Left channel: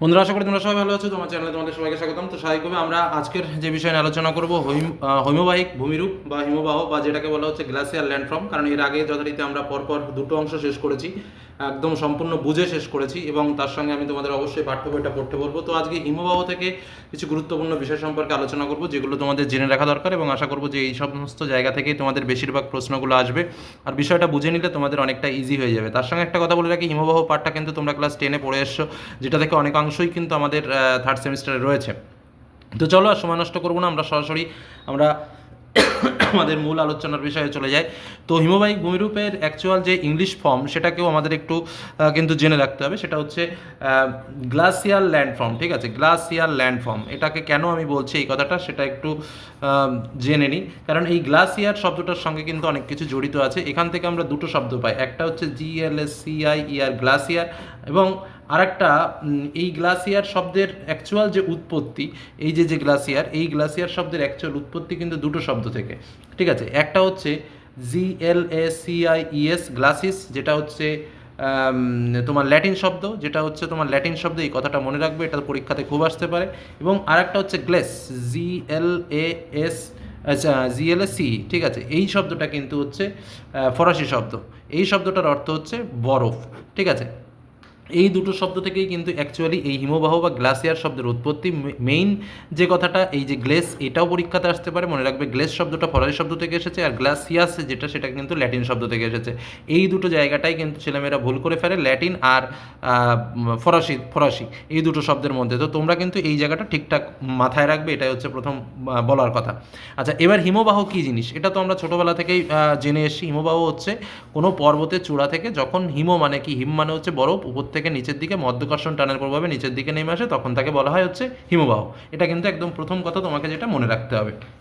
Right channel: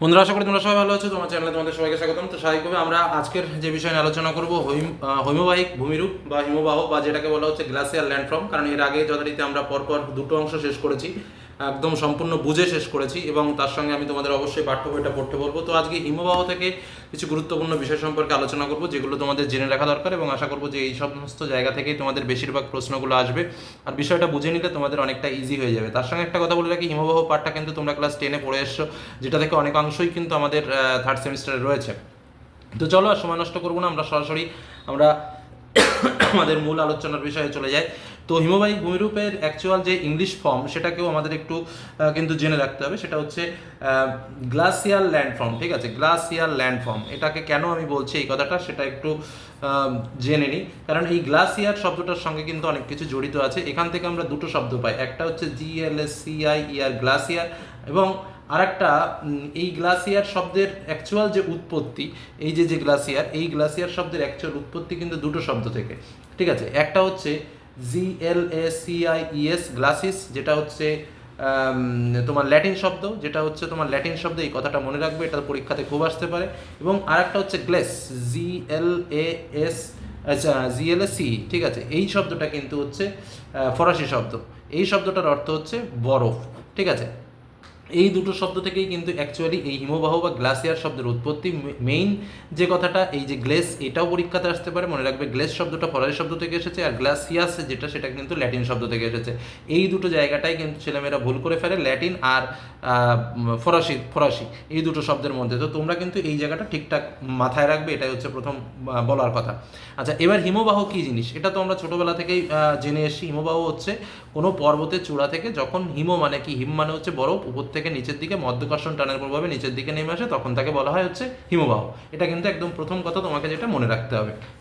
বন্ধুরা, আশা করি তোমরা সবাই ভালো আছো, তোমার চ্যানেলে তোমাদের সবাইকে স্বাগতম। তো স্বাভাবিকভাবে আমরা আজকের যে বিষয় নিয়ে আলোচনা করব হৈমবাহিক ভূমিরূপ বা হিমবাহ, বা যেটাকে বলা হচ্ছে গ্লাসিয়ার ল্যান্ডফর্ম কারণ এর আগে যথারীতি আমরা পরপর দুটো অংশ শেষ করেছি। একদম সম্পূর্ণ বুঝে শেষ করেছি এবং তার সঙ্গে আমি তোমাদের অবশ্যই পাঠ্য বইটা পড়তে বলব। তো আজকে হিমবাহ থেকে কিছু গুরুত্বপূর্ণ বিষয় সম্পর্কে আলোচনা করব, যেগুলো তোমাদের জেনে রাখা দরকার এবং আশা করব যে এই সমস্ত জায়গা থেকেই তোমাদের বেশিরভাগ প্রশ্নগুলো আসবে। আর বিষয়টা বুঝে নিলে তোমাদের অনেকটা ইজি হয়ে যাবে। তার সঙ্গে একটা কথা বলে রাখি, হিমবাহ পাঠটা কিন্তু তোমরা ক্লাস টেনে পড়ে এসছো, যেটা থেকে অনেকাংশই কিন্তু আমাদের থার্ড সেমিস্টারে রয়েছে। তো চলো আর সময় নষ্ট করব না, আমরা সরাসরি আমরা আমাদের মূল আলোচনার বিষয়ে চলে যাই তো হিমবাহী ভূমিরূপের অ্যাকচুয়াল যে ইংলিশ ফর্ম সেটাকেও আমাদের একটু কিন্তু জেনে রাখতে হবে। সেটা হচ্ছে গ্লাসিয়াল ল্যান্ডফর্ম ঠিক আছে? গ্লাসিয়াল ল্যান্ডফর্ম এটাকে কেন আমি বলছি এই কথাটা সেটা একটু জেনে নিই। কারণ এই গ্লাসিয়ার শব্দটার সঙ্গে কিন্তু অনেক কিছু জড়িত আছে। এখান থেকে আমরা দুটো শব্দ পাই। একটা হচ্ছে জিএলএস সিআই ইয়ার গ্লাসিয়ার এবং আরেকটা এই গ্লাসিয়ার শব্দের অ্যাকচুয়াল যে উৎপত্তি, এই যে যে গ্লাসিয়ার, এই গ্লাসিয়ার শব্দের অ্যাকচুয়াল উৎপত্তি কিন্তু দুটো শব্দ থেকে। ঠিক আছে? একটা হচ্ছে G L A C I E S glaciers যেটা হচ্ছে তোমার ল্যাটিন শব্দ, যেটা হচ্ছে তোমার ল্যাটিন শব্দ, এই কথাটা মনে রাখবে, এটা পরীক্ষাতে খুব আসতে পারে। এবং আরেকটা হচ্ছে গ্লেস জি এল এ এস আচ্ছা জিএলএসি ঠিক আছে? এই শব্দটা কিন্তু হচ্ছে ফরাসি শব্দ। এই শব্দটার অর্থ হচ্ছে বরফ, ঠিক আছে? এই দুটো শব্দ থেকেই কিন্তু অ্যাকচুয়ালি এই হিমবাহ বা গ্লাসিয়ার শব্দের উৎপত্তি মেইন যে কথাটা, এই যে গ্লেস এটাও পরীক্ষাতে আসতে পারে, মনে রাখবে গ্লেস শব্দটা ফরাসি শব্দ থেকে এসেছে আর গ্লাসিয়াস যেটা, সেটা কিন্তু ল্যাটিন শব্দ থেকে এসেছে। এই দুটো জায়গাটাই কিন্তু ছেলেমেয়েরা ভুল করে ফেলে ল্যাটিন আর ফরাসি ফরাসি, এই দুটো শব্দের মধ্যে। তো তোমরা কিন্তু এই জায়গাটা ঠিকঠাক মাথায় রাখবে, এটাই হচ্ছে প্রথম বলার কথা। আচ্ছা এবার হিমবাহ কী জিনিস? এটা তো আমরা ছোটোবেলা থেকেই জেনে এসেছি। হিমবাহ হচ্ছে কোনো পর্বতের চূড়া থেকে, যখন হিম মানে কি? হিম মানে হচ্ছে বরফ, উপর থেকে নিচের দিকে মধ্যকর্ষণ টানের প্রভাবে নিচের দিকে নেমে আসে, তখন তাকে বলা হয় হচ্ছে হিমবাহ। এটা কিন্তু একদম প্রথম কথা তোমাকে যেটা মনে রাখতে হবে।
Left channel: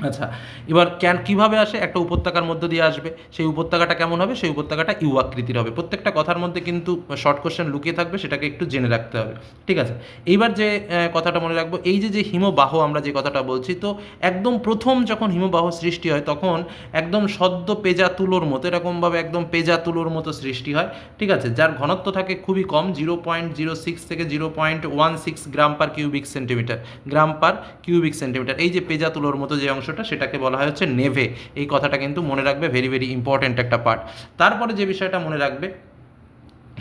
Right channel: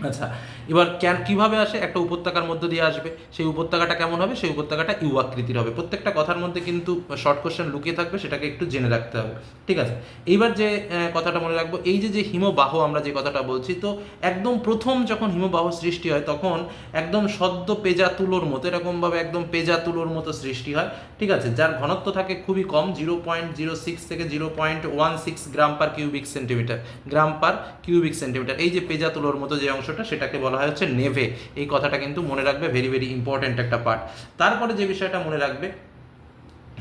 আচ্ছা এবার ক্যান কীভাবে আসে? একটা উপত্যকার মধ্য দিয়ে আসবে। সেই উপত্যকাটা কেমন হবে? সেই উপত্যকাটা ইউ আকৃতির হবে। প্রত্যেকটা কথার মধ্যে কিন্তু শর্ট কোশ্চেন লুকিয়ে থাকবে, সেটাকে একটু জেনে রাখতে হবে। ঠিক আছে? এইবার যে কথাটা মনে রাখব, এই যে যে হিমবাহ আমরা যে কথাটা বলছি, তো একদম প্রথম যখন হিমবাহ সৃষ্টি হয়, তখন একদম সদ্য পেজা তুলোর মতো, এরকমভাবে একদম পেজা তুলোর মতো সৃষ্টি হয়। ঠিক আছে? যার ঘনত্ব থাকে খুবই কম জিরো পয়েন্ট জিরো সিক্স থেকে zero point one six gram per cubic centimetre gram per cubic centimetre এই যে পেজা তুলোর মতো যে অংশটা সেটাকে বলা হয় হচ্ছে নেভে। এই কথাটা কিন্তু মনে রাখবে ভেরি ভেরি ইম্পর্ট্যান্ট একটা পার্ট তারপরে যে বিষয়টা মনে রাখবে,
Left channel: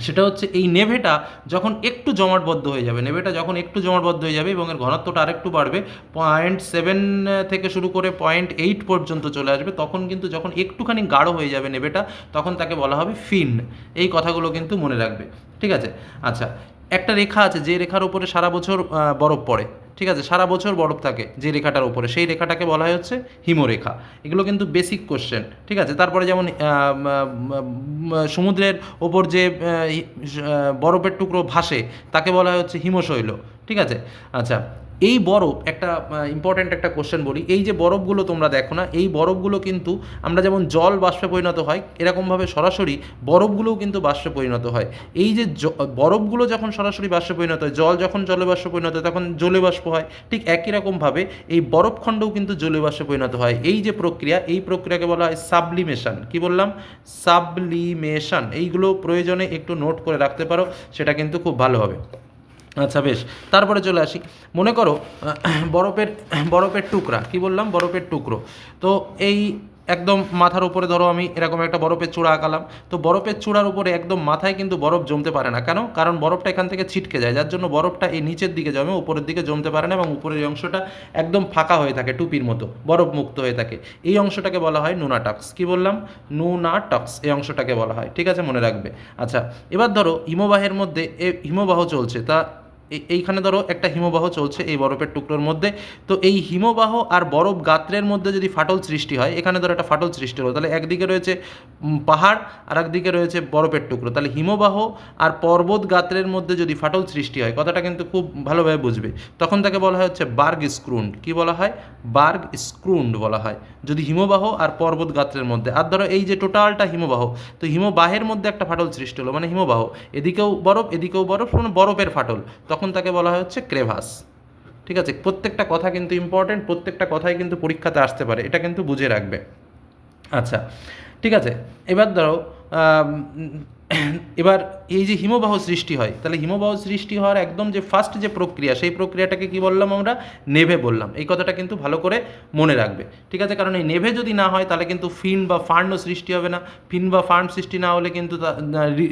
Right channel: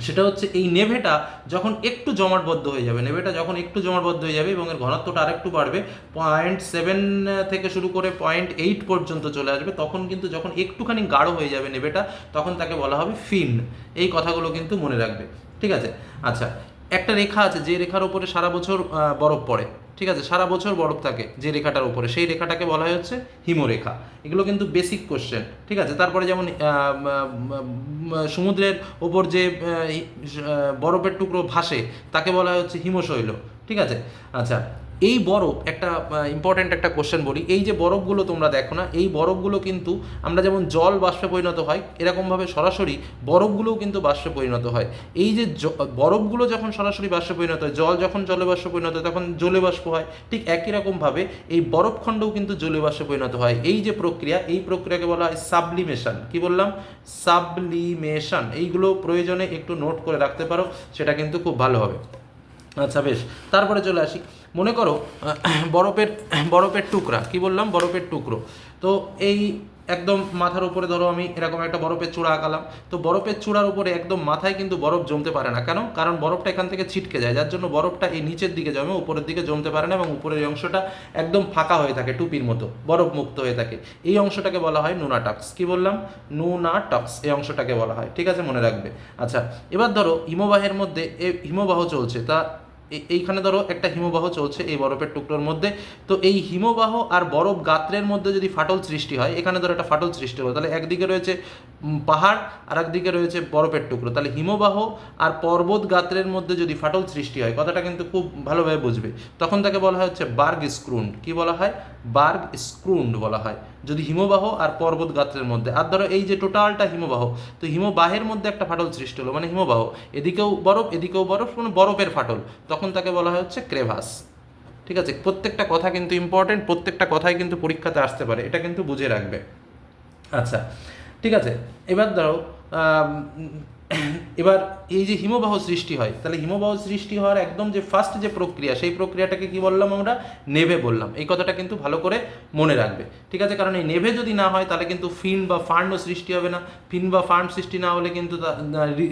সেটা হচ্ছে এই নেভেটা যখন একটু জমাটবদ্ধ হয়ে যাবে, নেভেটা যখন একটু জমাটবদ্ধ হয়ে যাবে এবং এর ঘনত্বটা আরেকটু বাড়বে পয়েন্ট সেভেন থেকে শুরু করে পয়েন্ট এইট পর্যন্ত চলে আসবে, তখন কিন্তু যখন একটুখানি গাঢ় হয়ে যাবে নেভেটা, তখন তাকে বলা হবে ফিন। এই কথাগুলো কিন্তু মনে রাখবে। ঠিক আছে? আচ্ছা একটা রেখা আছে, যে রেখার উপরে সারা বছর বরফ পড়ে, ঠিক আছে? সারা বছর বরফ থাকে যে রেখাটার উপরে। সেই রেখাটাকে বলা হচ্ছে হিমরেখা। এগুলো কিন্তু বেসিক কোশ্চেন ঠিক আছে? তারপরে যেমন সমুদ্রের ওপর যে বরফের টুকরো ভাসে, তাকে বলা হচ্ছে হিমশৈল, ঠিক আছে? আচ্ছা এই বরফ, একটা ইম্পর্ট্যান্ট একটা কোশ্চেন বলি। এই যে বরফগুলো তোমরা দেখো না, এই বরফগুলো কিন্তু আমরা যেমন জল বাষ্পে পরিণত হয়, এরকমভাবে সরাসরি বরফগুলোও কিন্তু বাষ্পে পরিণত হয়। এই যে বরফগুলো যখন সরাসরি বাষ্পে পরিণত হয়, জল যখন জলে বাষ্পে পরিণত হয়, তখন জলে বাষ্প হয়। ঠিক একই রকমভাবে এই বরফখণ্ডও কিন্তু জলে বাষ্পে পরিণত হয়। এই যে প্রক্রিয়া, এই প্রক্রিয়াকে বলা হয় সাবলিমেশন। কি বললাম? সাবলিমেশন। এইগুলো প্রয়োজনে একটু নোট করে রাখতে পারো, সেটা কিন্তু খুব ভালো হবে। আচ্ছা বেশ। তারপরে চলে আসি। মনে করো বরফের বরফের টুকরা। কি বললাম? বরফের টুকরো। তো এই একদম মাথার উপরে ধরো আমি এরকম একটা বরফের চূড়া আঁকালাম। তো বরফের চূড়ার উপরে একদম মাথায় কিন্তু বরফ জমতে পারে না। কেন? কারণ বরফটা এখান থেকে ছিটকে যায়। যার জন্য বরফটা এই নিচের দিকে জমে, উপরের দিকে জমতে পারে না এবং উপরের অংশটা একদম ফাঁকা হয়ে থাকে, টুপির মতো বরফ মুক্ত হয়ে থাকে। এই অংশটাকে বলা হয় নুনাটক্স। কি বললাম? নুনাটক্স এই অংশটাকে বলা হয়। ঠিক আছে, মনে রাখবে। আচ্ছা এবার ধরো হিমবাহের মধ্যে এ হিমবাহ চলছে। তা এইখানে ধরো একটা হিমবাহ চলছে এই বরফের টুকরোর মধ্যে। তো এই হিমবাহ আর বরফ গাত্রের মধ্যে যদি ফাটল সৃষ্টি হয়, এখানে ধরো একটা ফাটল সৃষ্টি হলো, তাহলে একদিকে রয়েছে পাহাড় আর একদিকে রয়েছে বরফের টুকরো। তাহলে হিমবাহ আর পর্বত গাত্রের মধ্যে যদি ফাটল সৃষ্টি হয়, কথাটা কিন্তু খুব ভালোভাবে বুঝবে। তখন তাকে বলা হয় হচ্ছে বার্গ স্ক্রুন্ড। কি বলা হয়? বার্গ স্ক্রুন্ড বলা হয়। যদি হিমবাহ আর পর্বত গাত্রের মধ্যে, আর ধরো এই যে টোটালটা হিমবাহ, তো হিমবাহের মধ্যে একটা ফাটল সৃষ্টি হলো মানে হিমবাহ। এদিকেও বরফ এদিকেও বরফ মানে বরফের ফাটল। তখন তাকে বলা হয় হচ্ছে ক্রেভাস। ঠিক আছে? প্রত্যেকটা কথা কিন্তু ইম্পর্টেন্ট প্রত্যেকটা কথাই কিন্তু পরীক্ষাতে আসতে পারে। এটা কিন্তু বুঝে রাখবে। আচ্ছা ঠিক আছে? এবার ধরো এবার এই যে হিমবাহ সৃষ্টি হয়, তাহলে হিমবাহ সৃষ্টি হওয়ার একদম যে ফার্স্ট যে প্রক্রিয়া, সেই প্রক্রিয়াটাকে কি বললাম আমরা? নেভে বললাম। এই কথাটা কিন্তু ভালো করে মনে রাখবে। ঠিক আছে? কারণ এই নেভে যদি না হয়, তাহলে কিন্তু ফিন বা ফান্ডও সৃষ্টি হবে না। ফিন বা ফান্ড সৃষ্টি না হলে কিন্তু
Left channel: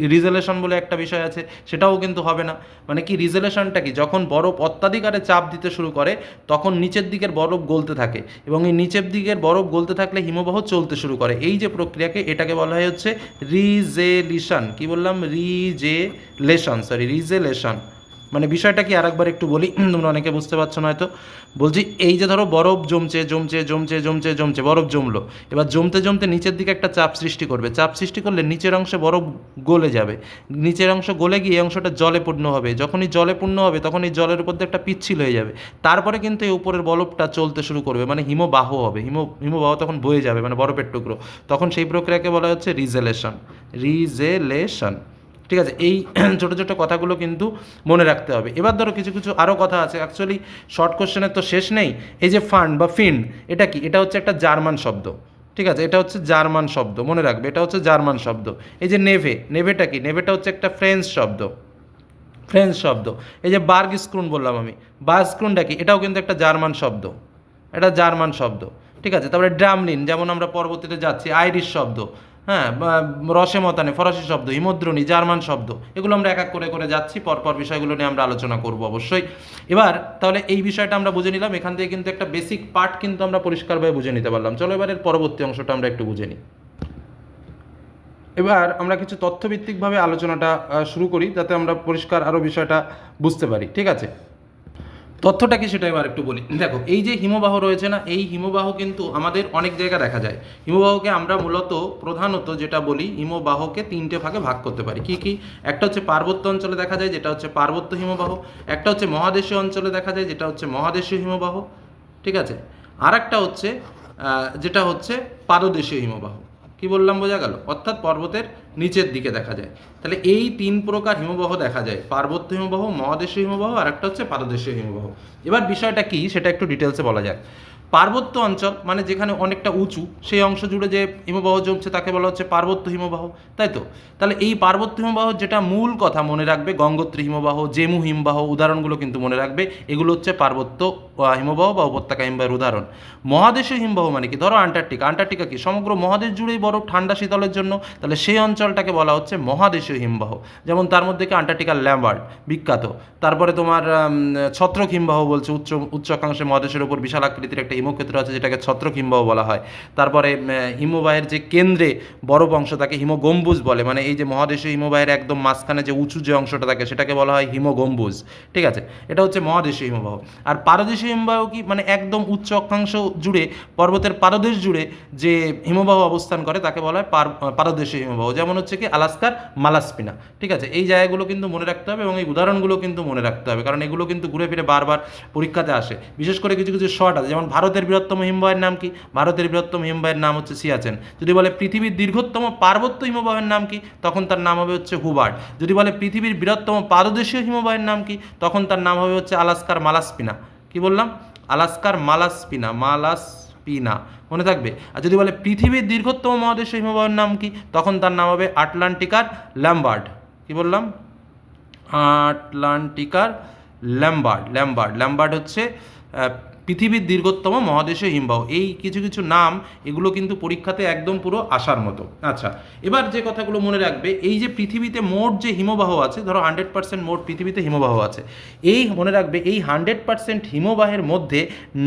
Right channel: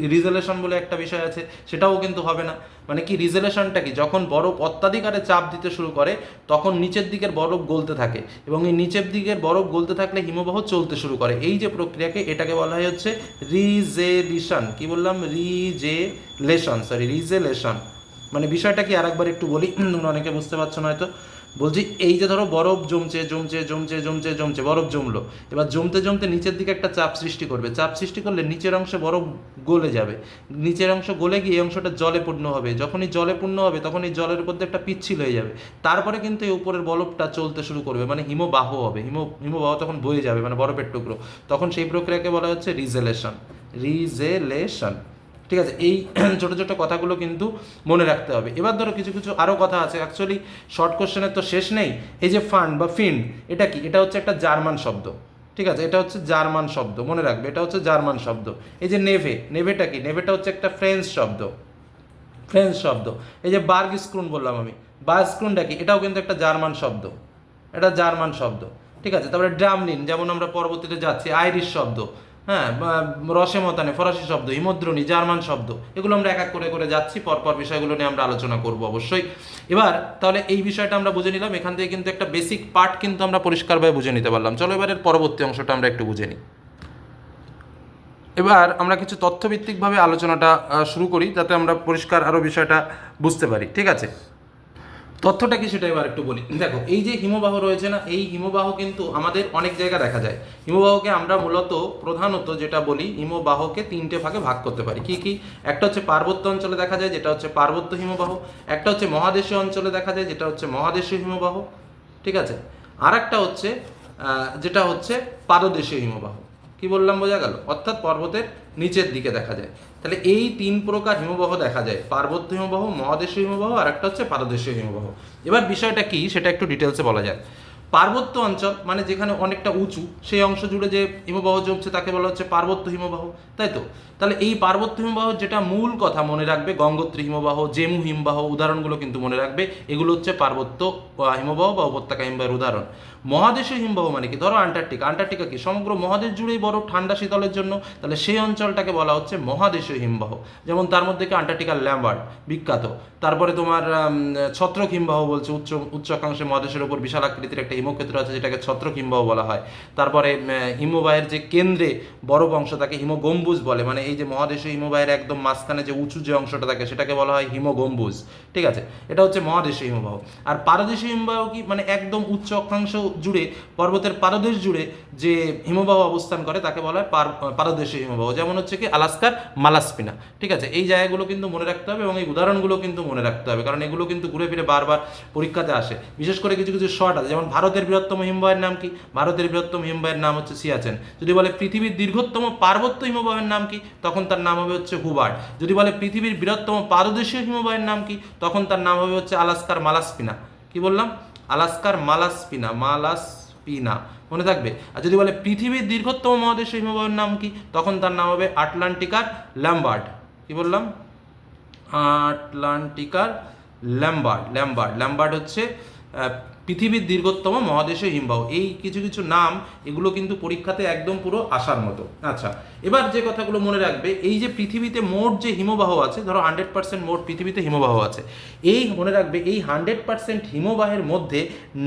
রিজলেশন বলে একটা বিষয় আছে, সেটাও কিন্তু হবে না। মানে কি? রিজলেশনটা কি? যখন বরফ অত্যাধিকারে চাপ দিতে শুরু করে, তখন নিচের দিকের বরফ গলতে থাকে। এবং এই নিচের দিকের বরফ গলতে থাকলে হিমবাহ চলতে শুরু করে। এই যে প্রক্রিয়াকে এটাকে বলা হয় হচ্ছে রিজেলিশন। কি বললাম? Regelation sorry regelation. মানে বিষয়টা কি আরেকবার একটু বলি? তোমরা অনেকে বুঝতে পারছ না হয়তো। বলছি, এই যে ধরো বরফ জমছে জমছে জমছে জমছে জমছে, বরফ জমলো। এবার জমতে জমতে নিচের দিকে একটা চাপ সৃষ্টি করবে। চাপ সৃষ্টি করলে নিচের অংশে বরফ গলে যাবে। নিচের অংশ গলে গিয়ে এই অংশটা জলে পূর্ণ হবে। যখনই জলে পূর্ণ হবে তখন এই জলের উপর দিয়ে একটা পিচ্ছিল হয়ে যাবে। তারপরে কিন্তু এই উপরের বরফটা চলতে শুরু করবে। মানে হিমবাহ হবে। হিম, হিমবাহ তখন বয়ে যাবে মানে বরফের টুকরো। তখন সেই প্রক্রিয়াকে বলা হচ্ছে রিজেলেশন। রিজেলেশন। ঠিক আছে, এই ছোটো ছোটো কথাগুলো কিন্তু মনে রাখতে হবে। এবার ধরো কিছু কিছু আরও কথা আছে। অ্যাকচুয়ালি শর্ট কোশ্চেনের তো শেষ নেই। এই যে ফান্ড বা ফিন্ড এটা কি? এটা হচ্ছে একটা জার্মান শব্দ। ঠিক আছে, এটা হচ্ছে জার্মান শব্দ। মনে রাখবে, এটা হচ্ছে জার্মান শব্দ। এই যে নেভে, নেভেটা কি? নেভেটা হচ্ছে একটা ফ্রেঞ্চ শব্দ। ফ্রেঞ্চ শব্দ। এই যে বার্গ স্ক্রুন বললাম আমি। বার্গ স্ক্রুনটা কি? এটাও কিন্তু একটা জার্মান শব্দ। এটা জার্মান শব্দ। ঠিক আছে, তারপরে ড্রামলিন যেমন আমরা পরবর্তীতে যাচ্ছি আইরিশ শব্দ। হ্যাঁ রসে মতানে, ফরাসি শব্দ, হিমদ্রণী, জার্মান শব্দ, এগুলো আমরা এক এক করে করে যাচ্ছি, পরপর বিষয়গুলো নিয়ে আমরা আলোচনা করব অবশ্যই। এবার, তাহলে এই বিষয়টা আমরা বুঝে নিলাম, এখান থেকে কিন্তু একটা বেসিক পার্ট কিন্তু আমরা পরিষ্কারভাবে বুঝে নিতে পারলাম। চলো এবারের পরবর্তী অংশটা আমরা একটু বুঝে নিই। এবার আমরা কিছু তথ্যভিত্তিকভাবে আলোচনাটা শুরু করি, যাতে আমরা পরিষ্কার আরও বিষয়টা বুঝতে পারি, ঠিক আছে? তথ্যটা কি সেটা এবার একটু বলি। দেখো, এই যে হিমবাহ রয়েছে না, এই হিমবাহ কিন্তু আমাদের অনেক জায়গা দেখা যায়। হিমবাহকে আমরা মূলত প্রধানত যেটা বলি, হিমবাহকে তিনটে ভাগে ভাগ করতে পারি। কি কি? একটা হচ্ছে পার্বত্য অঞ্চলে দেখা যায়, যেটা হচ্ছে পার্বত্য হিমবাহ। একটা হচ্ছে মহাদেশীয় অঞ্চলে দেখা যায়, যেটা হচ্ছে মহাদেশীয় হিমবাহ। ঠিক আছে? আর একটা হচ্ছে যেটা হচ্ছে পাদদেশীয় হিমবাহ। কি বললাম বোঝা গেল? অর্থাৎ পর্বতের নিচের দিকে দেখা যায়। তাহলে এই তিন প্রকার হিমবাহ দেখা যায়। পার্বত্য হিমবাহ, মহাদেশীয় হিমবাহ, আর একটা হচ্ছে পাদদেশীয় হিমবাহ। এবার বিষয়টা কি? সেটা একটু ডিটেলসে বলা যায় পার্বত্য অঞ্চল মানে যেখানে অনেকটা উঁচু, সেই অংশ জুড়ে যে হিমবাহ জমছে, তাকে বলা হচ্ছে পার্বত্য হিমবাহ। তাই তো? তাহলে এই পার্বত্য হিমবাহ যেটা মূল কথা মনে রাখবে, গঙ্গোত্রী হিমবাহ, জেমু হিমবাহ উদাহরণগুলো কিন্তু মনে রাখবে, এগুলো হচ্ছে পার্বত্য হিমবাহ বা উপত্যকা হিমবাহের উদাহরণ। মহাদেশীয় হিমবাহ মানে কি? ধরো আন্টার্কটিকা। আন্টার্কটিকা কি? সমগ্র মহাদেশ জুড়েই বরফ, ঠান্ডা শীতলের জন্য। তাহলে সেই অঞ্চলটাকে বলা হচ্ছে মহাদেশীয় হিমবাহ। যেমন তার মধ্যে কি? আন্টার্কটিকার ল্যাম্বার্ড বিখ্যাত। তারপরে তোমার ছত্রক হিমবাহ বলছে, উচ্চ উচ্চ অক্ষাংশে মহাদেশের উপর বিশাল আকৃতির একটা হিমক্ষেত্র আছে, যেটাকে ছত্রক হিমবাহ বলা হয়। তারপরে হিমবাহের যে কেন্দ্রে বরফ অংশ, তাকে হিমগম্বুজ বলে। মানে এই যে মহাদেশীয় হিমবাহের একদম মাঝখানে যে উঁচু যে অংশটা থাকে, সেটাকে বলা হয় হিমগম্বুজ। ঠিক আছে? এটা হচ্ছে মহাদেশীয় হিমবাহ। আর পারদেশীয় হিমবাহ কি মানে একদম উচ্চ অক্ষাংশ জুড়ে, পর্বতের পারদেশ জুড়ে যে হিমবাহ অবস্থান করে, তাকে বলা হয় পার পারদেশীয় হিমবাহ। যেমন হচ্ছে কি, আলাস্কার মালাসপিনা। ঠিক আছে? এই জায়গাগুলো কিন্তু মনে রাখতে হবে এবং এই উদাহরণগুলো কিন্তু মনে রাখতে হবে, কারণ এগুলো কিন্তু ঘুরে ফিরে বারবার পরীক্ষাতে আসে। বিশেষ করে কিছু কিছু শর্ট আছে, যেমন ভারতের বৃহত্তম হিমবাহের নাম কি? ভারতের বৃহত্তম হিমবাহের নাম হচ্ছে সিয়াচেন। যদি বলে পৃথিবীর দীর্ঘতম পার্বত্য হিমবাহের নাম কি? তখন তার নাম হবে হচ্ছে হুবার্ড যদি বলে পৃথিবীর বৃহত্তম পারদেশীয় হিমবাহের নাম কি? তখন তার নাম হবে হচ্ছে আলাস্কার মালাসপিনা। কি বললাম? আলাস্কার মালাসপিনা মালাসপিনা। মনে থাকবে? আর যদি বলে পৃথিবীর দীর্ঘতম মহাদেশীয় হিমবাহের নাম কি? তখন তার নাম হবে আটলান্টিকার ল্যাম্বার্ড। কি বললাম? আটলান্টিকার ল্যাম্বার্ড ল্যাম্বার্ড। ল্যাম্বার্ড হচ্ছে পৃথিবীর দীর্ঘতম মহাদেশীয় হিমবাহ। এই কিছু কিছু নাম, এগুলো কিন্তু পরীক্ষাতে একদম পুরো আসার মতো। আচ্ছা এবার যে কথাগুলো মনে রাখবে, এই যে পৃথিবীতে মোট যে হিমবাহ আছে, ধরো হান্ড্রেড পার্সেন্ট মোট পৃথিবীতে হিমবাহ আছে, এই মনে রাখবে, এই হান্ড্রেড পার্সেন্ট হিমবাহের মধ্যে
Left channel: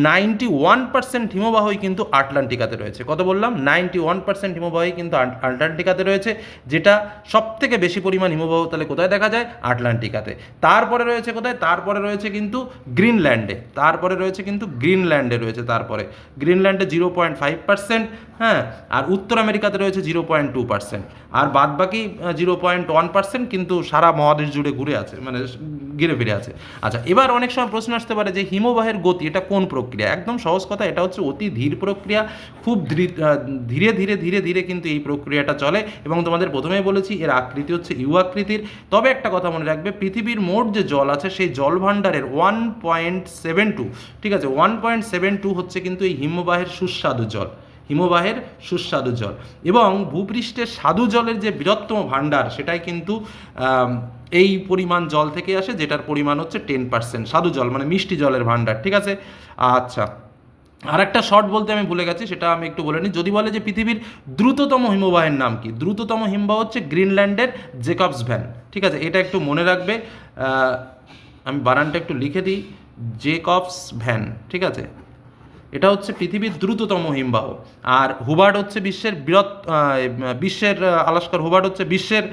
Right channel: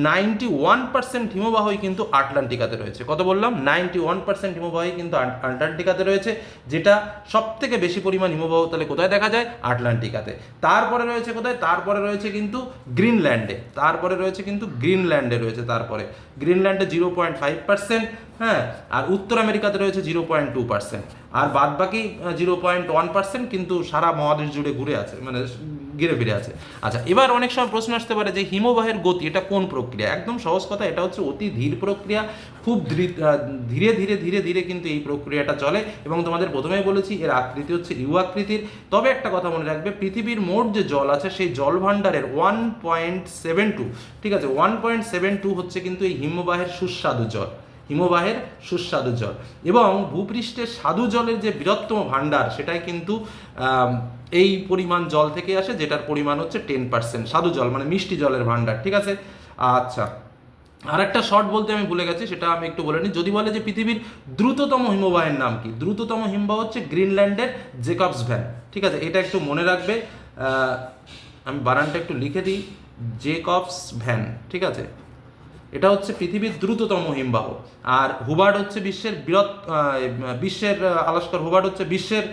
নাইনটি ওয়ান পার্সেন্ট হিমবাহই কিন্তু আটলান্টিকাতে রয়েছে। কত বললাম? নাইনটি ওয়ান পার্সেন্ট হিমবাহই কিন্তু আটলান্টিকাতে রয়েছে, যেটা সব থেকে বেশি পরিমাণ হিমবাহ তাহলে কোথায় দেখা যায়? আটলান্টিকাতে। তারপরে রয়েছে কোথায়? তারপরে রয়েছে কিন্তু গ্রিনল্যান্ডে। তারপরে রয়েছে কিন্তু গ্রিনল্যান্ডে রয়েছে তারপরে। গ্রিনল্যান্ডে জিরো পয়েন্ট ফাইভ পার্সেন্ট হ্যাঁ আর উত্তর আমেরিকাতে রয়েছে জিরো পয়েন্ট টু পার্সেন্ট। আর বাদ বাকি জিরো পয়েন্ট ওয়ান পার্সেন্ট কিন্তু সারা মহাদেশ জুড়ে ঘুরে আছে মানে ঘিরে ফিরে আছে। আচ্ছা এবার অনেক সময় প্রশ্ন আসতে পারে যে হিমবাহের গতি, এটা কোন প্রক্রিয়া? একদম সহজ কথা, এটা হচ্ছে অতি ধীর প্রক্রিয়া, খুব ধীরে- ধীরে ধীরে ধীরে কিন্তু এই প্রক্রিয়াটা চলে। এবং তোমাদের প্রথমেই বলেছি, এর আকৃতি হচ্ছে ইউ আকৃতির। তবে একটা কথা মনে রাখবে, পৃথিবীর মোট যে জল আছে, সেই জল ভাণ্ডারের ওয়ান পয়েন্ট সেভেন টু, ঠিক আছে, ওয়ান পয়েন্ট সেভেন টু হচ্ছে কিন্তু এই হিমবাহের সুস্বাদু জল। হিমবাহের সুস্বাদু জল। এবং ভূপৃষ্ঠের স্বাদু জলের যে বৃহত্তম ভাণ্ডার, সেটাই কিন্তু এই পরিমাণ জল থেকে আসে, যেটার পরিমাণ হচ্ছে টেন পার্সেন্ট স্বাদু জল মানে মিষ্টি জলের ভাণ্ডার, ঠিক আছে? আচ্ছা। আর একটা শর্ট বলতে আমি ভুলে গেছি, সেটা আমি একটু বলে নিই। যদি বলে যে পৃথিবীর দ্রুততম হিমবাহের নাম কি? দ্রুততম হিমবাহ হচ্ছে গ্রিনল্যান্ডের জেকবস ভ্যান, ঠিক আছে? এটা একটু মনে রাখবে। আমি বানানটা একটু লিখে দিই। জেকবস ভ্যান, ঠিক আছে? এটা হচ্ছে পৃথিবীর দ্রুততম হিমবাহ। আর হুবার্ড হচ্ছে বিশ্বের বৃহৎ বিশ্বের আলাস্কার হুবার্ড হচ্ছে বিশ্বের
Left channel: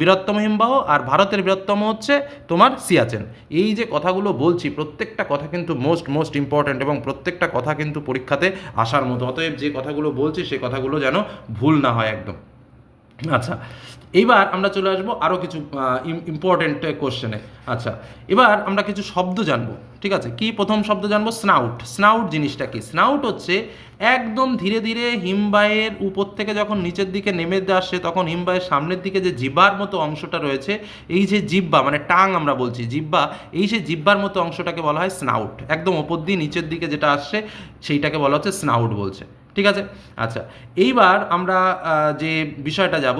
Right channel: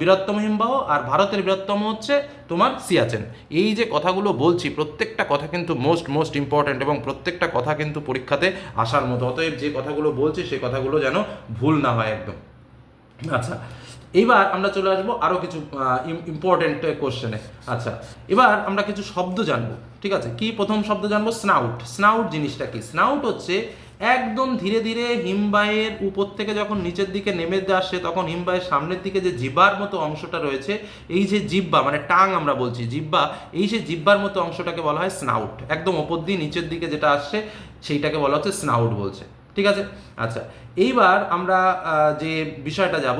বৃহত্তম হিমবাহ, আর ভারতের বৃহত্তম হচ্ছে তোমার সিয়াচেন। এই যে কথাগুলো বলছি, প্রত্যেকটা কথা কিন্তু মোস্ট মোস্ট ইম্পর্ট্যান্ট এবং প্রত্যেকটা কথা কিন্তু পরীক্ষাতে আসার মতো। অতএব যে কথাগুলো বলছি সেই কথাগুলো যেন ভুল না হয় একদম। আচ্ছা এইবার আমরা চলে আসব আরও কিছু ইম্পর্টেন্ট কোশ্চেনে আচ্ছা এবার আমরা কিছু শব্দ জানব, ঠিক আছে? কি প্রথম শব্দ জানব? স্নাউট স্নাউট জিনিসটা কি? স্নাউট হচ্ছে একদম ধীরে ধীরে হিমবাহের উপর থেকে যখন নিচের দিকে নেমে আসছে তখন হিমবাহের সামনের দিকে যে জিব্বার মতো অংশটা রয়েছে, এই যে জিব্বা মানে টাং আমরা বলছি, জিব্বা, এই যে জিব্বার মতো অংশটাকে বলা হয় স্নাউট একদম ওপর দিয়ে নিচের দিকে যেটা আসছে, সেইটাকে বলা হচ্ছে স্নাউট বলছে, ঠিক আছে? আচ্ছা এইবার আমরা যে বিষয়টা যাব